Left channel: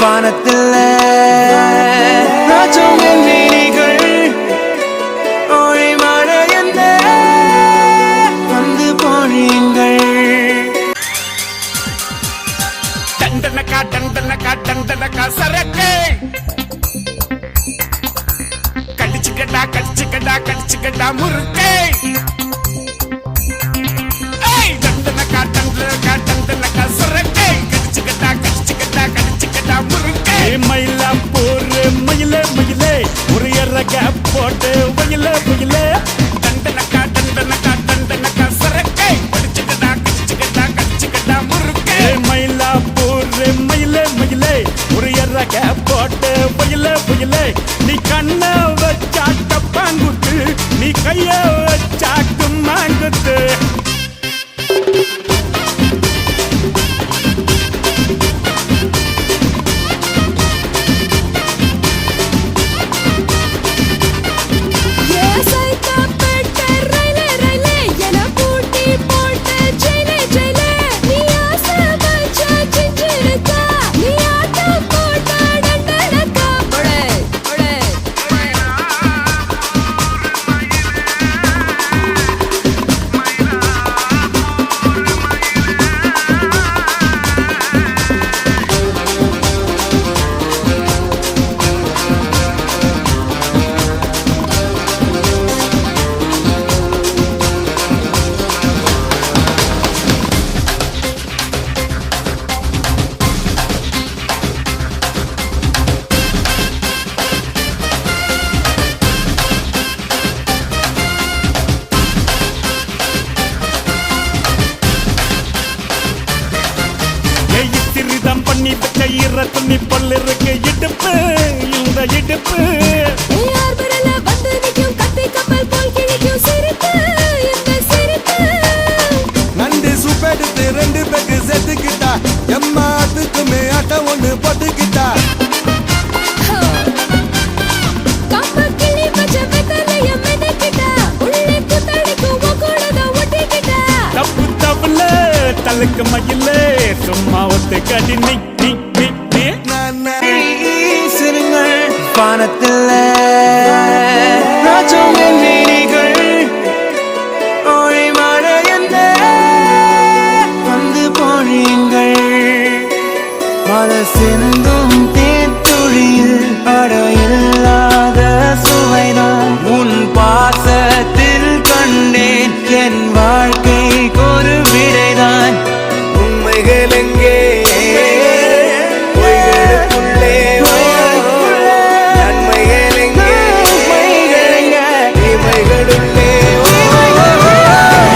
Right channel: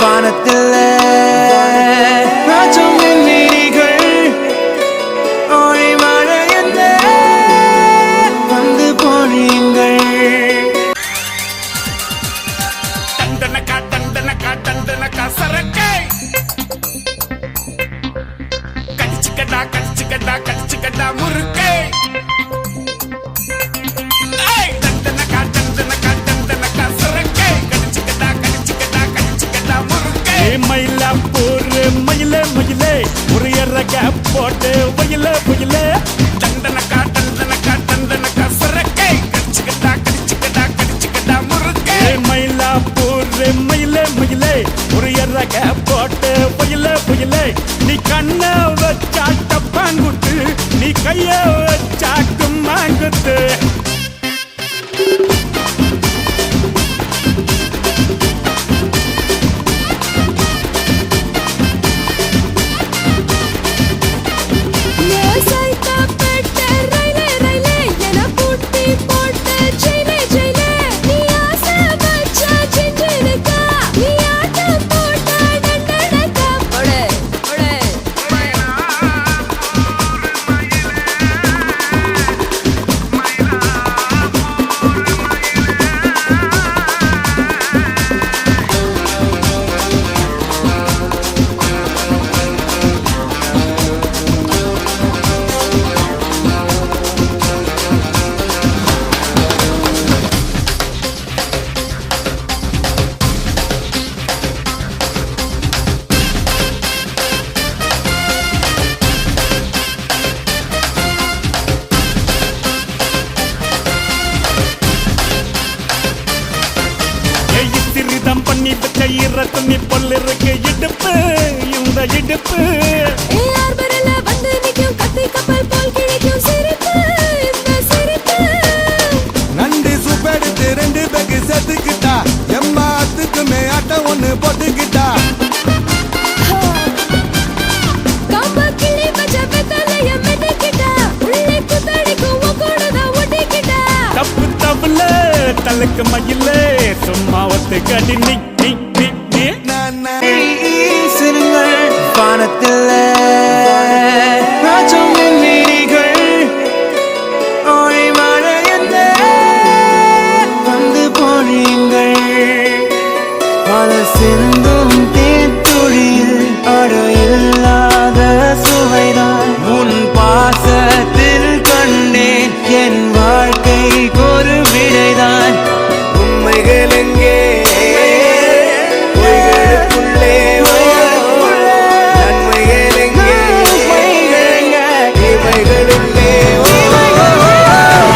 வானத்தில் ராஜம் என் விழிகள் ஓடி மழை என்ன வந்து போனீங்கள் முருக்கே மயிலாப்பூர் மயிலே மயிலே ஒரு எறக போட்டு வயலே வயலே மயிலாப்பூர் மயிலே மயிலே ஒரு எறக போட்டு வயலே வயலே நீ கண்ண வச்சாட்ட பாங்குத்து நீ கைய வச்சாட்டு மாங்குத்து திருதம் பண்ணி வச்ச ஈர துணி பொல் இருக்கு இடுப்பு இந்த இடுப்பு நன்றி சுப்பெடுத்து ரெண்டு பேருக்கு செத்துக்கிட்டா எம்மாத்துக்குமே ஆட்டம் ஒண்ணு போட்டுக்கிட்டா தப்பு தப்புல தலுக்கு மயிலே சும்மா ஒத்து கடி நீ நீ நீ நீ சிறுங்கள் வானத்தில் ராஜம் என் விழிகள் ஓடி மழை என்ன வந்து போனீங்கள் பல சிந்தும் தேத்துழியில் அடையில்லாத சுவைதான் உன் பாசத்தில் கண்டேன் என் வாழ்க்கைக்கு ஒரு விடைதான் உண்மைகள் எங்கே பொய்களுக்குள்ளே நன்மைகள் எங்கே இமைகளுள்ளே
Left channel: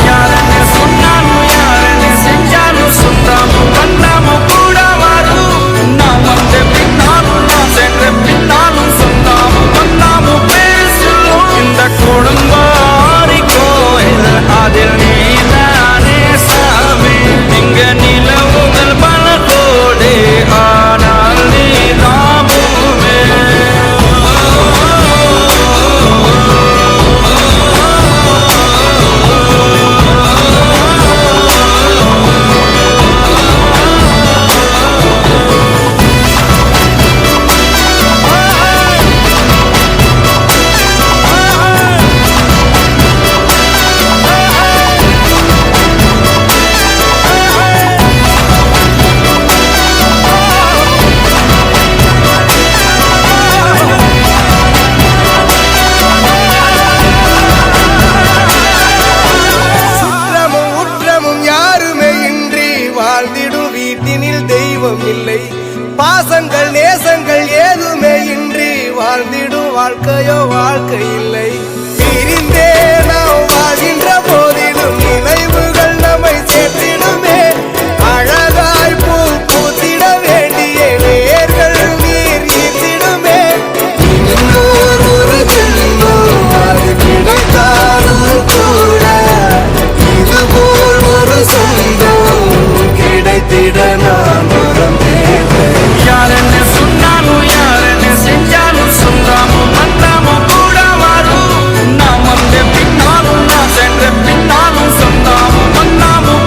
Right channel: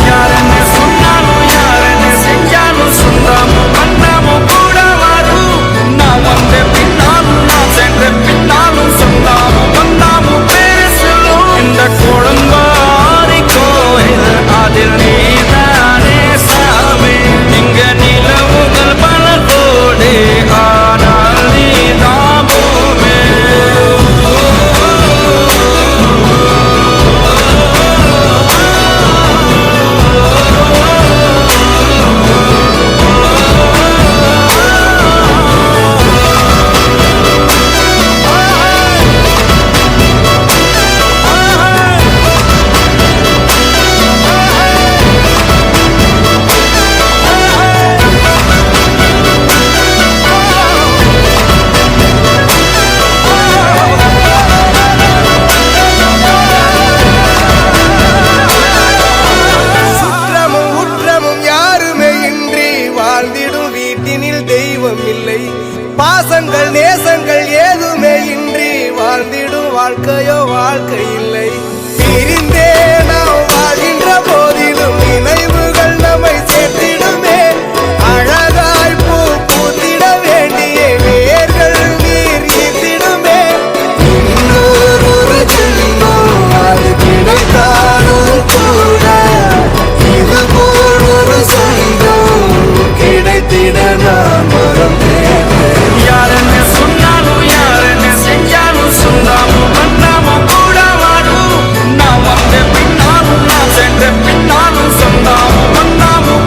யாரன்னு சொன்னாலும் யாரன்னு செஞ்சாலும் சொந்தாமும் பண்ணாமும் கூட வரும் நான் வந்த பின்னாலும் நான் சென்ற பின்னாலும் சொந்தாமும் பண்ணாமும் பேசலும் இந்த குடும்பாரி கோயில் அதில் நீதானே சாமி இங்க நிலவுகள் பல கோடி ஆனால் நீதான் பூமி வாழ்ந்திடும் வீட்டினில் தெய்வம் இல்லை பாசங்கள் நேசங்கள் ஏதுமே இன்றி வாழ்ந்திடும் வாழ்க்கையோ வாழ்க்கை இல்லை பிரிந்தே நாம் வாழ்கின்ற போதிலும் நினைவுகள் நம்மை சேர்த்திடுமே அழகாய் பூ பூத்திட வேண்டிய வேர்கள் நீர் ஈர்த்திடுமே இன்னொரு ஒரு சின்னம் அது கிடைத்தாலும் கூட இதுபோல் ஒரு சொந்தம் கிடைத்திட நான் வரும் யாரன்னு சொன்னாலும் யாரன்னு செஞ்சாலும் சொந்தாமும் பண்ணாமும் கூட வரும் நான் வந்த பின்னாலும் நான் சென்ற பின்னாலும் சொந்தாமும் பண்ணாமும்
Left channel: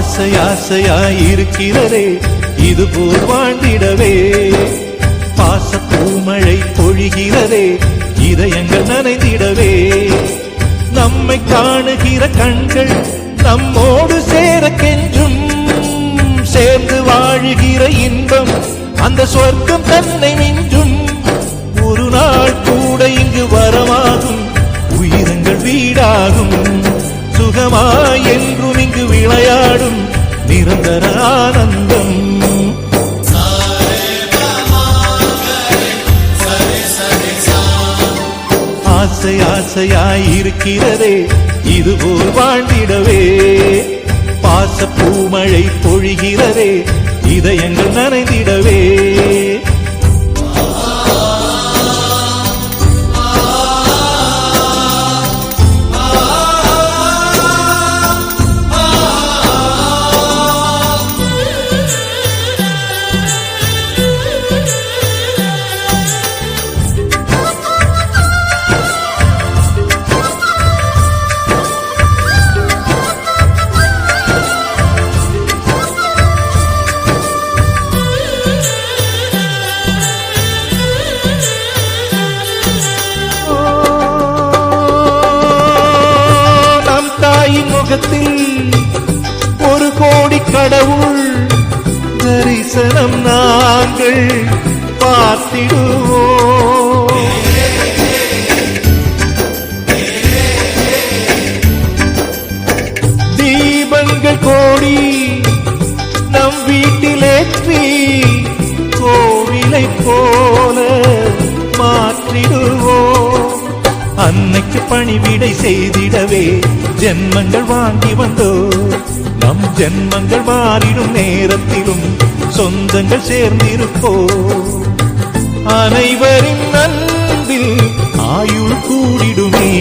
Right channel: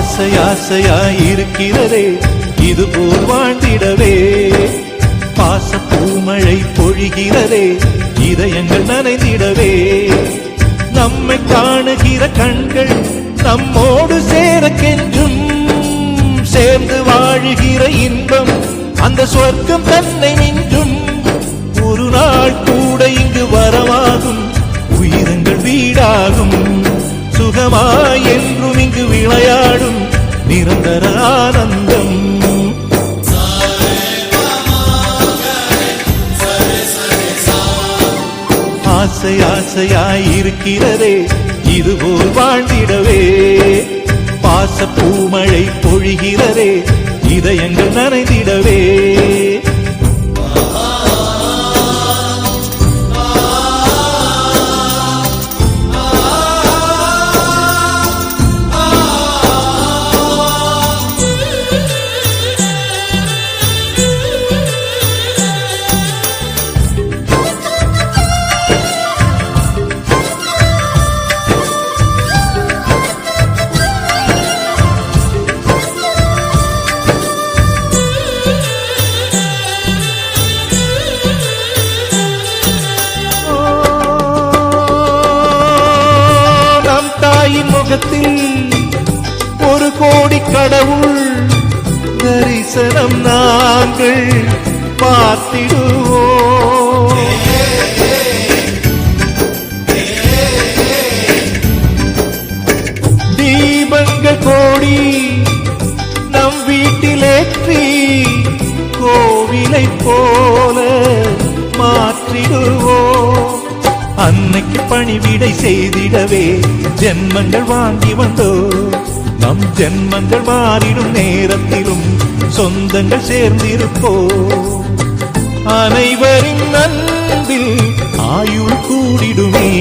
ஆசை ஆசையாயிருக்கிறதே இதுபோல் வாழ்ந்திடவே பாச பூமழை பொழிகிறதே இதயங்கள் நனைந்திடவே நம்மை காணுகிற கண்கள் நம்மோடு சேர கெஞ்சும் சேர்ந்து வாழுகிற இன்பம் அந்த சொர்க்கம் தன்னை மிஞ்சும் ஒரு நாள் கூட இங்கு வரமாகும் உயிரங்கள் வீடாகும் சுகமாய் என்றும் இங்கு விளையாடும் நிரந்தர ஆனந்தம் ஆசை ஆசையாயிருக்கிறதே இதுபோல் வாழ்ந்திடவே பாச பூமழை பொழிகிறதே இதயங்கள் நனைந்திடவே முகத்தில் ஒரு கோடி கடவுள் தரிசனம் நாங்கள் பார்த்திடுவோம் தீபங்கள் கோடி நம் வீட்டிலேற்றி கோவிலை போல மாற்றிடுவோம் அன்னைக்கு பணிவிடை செய்திடவே ஜென்மங்கள் வாங்கி வந்தோ நம் ஜென்மங்கள் மாறிடும் நேரத்திலும் சொந்தங்கள் சேர்ந்திருப்போ அனைவரின் அன்பில் ஆயுள் கூடிடுமே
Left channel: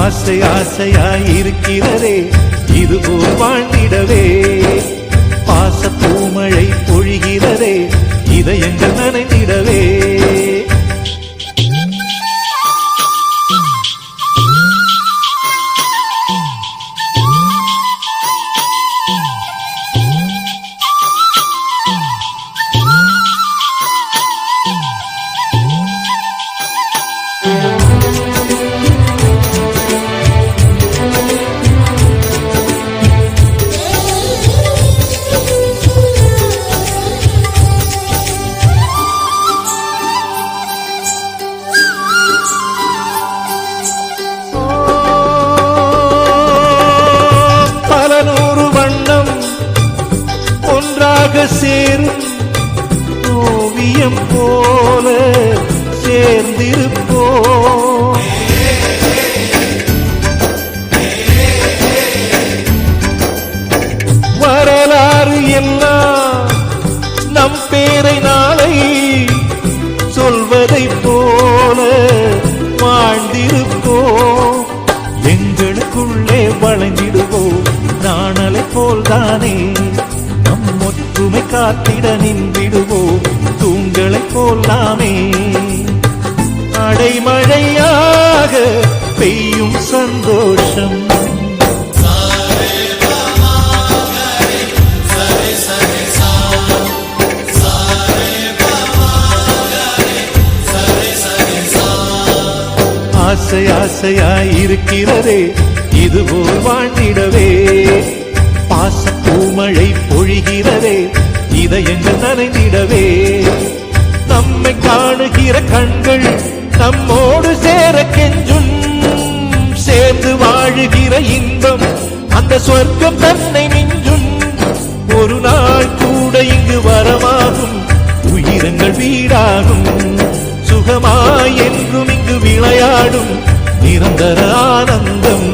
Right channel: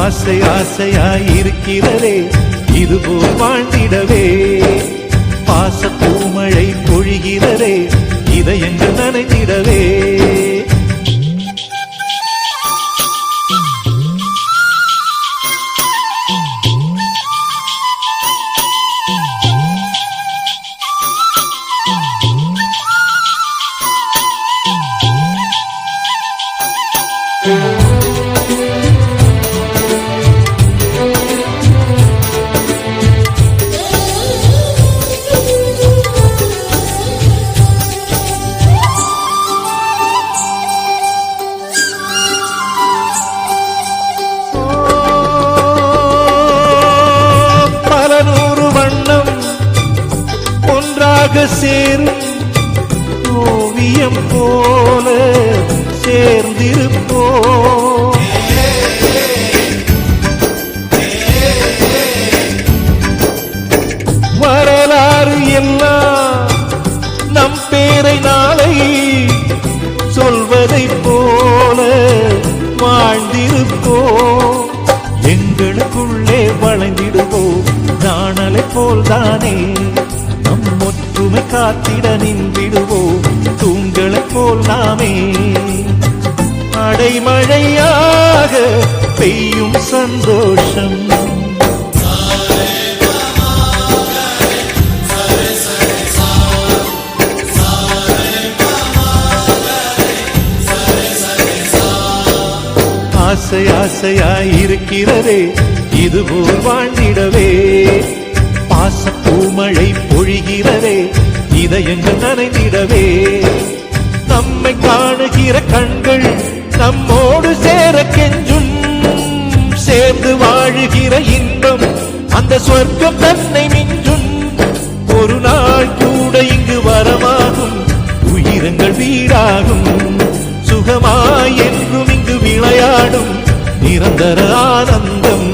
ஆசை ஆசையாயிருக்கிறதே இதுபோல் வாழ்ந்திடவே பாச பூமழை பொழிகிறதே இதயங்கள் நனைந்திடவே சேரும் ஓவியம் போல சேர்ந்திருப்போ வரலாறு எல்லாம் நம் பேரை நாளை சொல்வதை போல வாழ்ந்திருப்போ எங்களுக்குள்ளே வளைந்திடுவோம் நாணலை போல்தானே நம் ஒற்றுமை காத்திட நின்றிடுவோம் தூண்களைப் போல் நாமே அடைமழையாக பெய்யும் சந்தோஷம் ஆசை ஆசையாயிருக்கிறதே இதுபோல் வாழ்ந்திடவே பாச பூமழை பொழிகிறதே இதயங்கள் நனைந்திடவே நம்மை காணுகிற கண்கள் நம்மோடு சேர கெஞ்சும் சேர்ந்து வாழுகிற இன்பம் அந்த சொர்க்கம் தன்னை மிஞ்சும் ஒரு நாள் கூட இங்கு வரமாகும் உயிரங்கள் வீடாகும் சுகமாய் என்றும் இங்கு விளையாடும் நிரந்தர ஆனந்தம்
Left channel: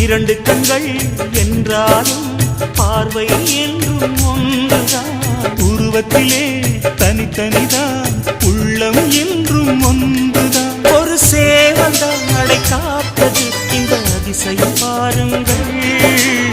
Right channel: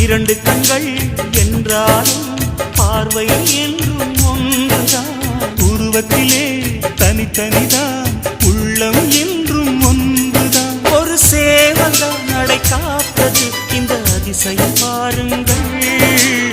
இரண்டு கண்கள் என்றாலும் பார்வை என்றும் ஒன்றுதான். உருவத்திலே தனித்தனிதான் உள்ளம் என்றும் ஒன்றுதான். ஒரு சேவல்தான் நடை காத்தது இந்த அதிசயம் பாருங்கள்.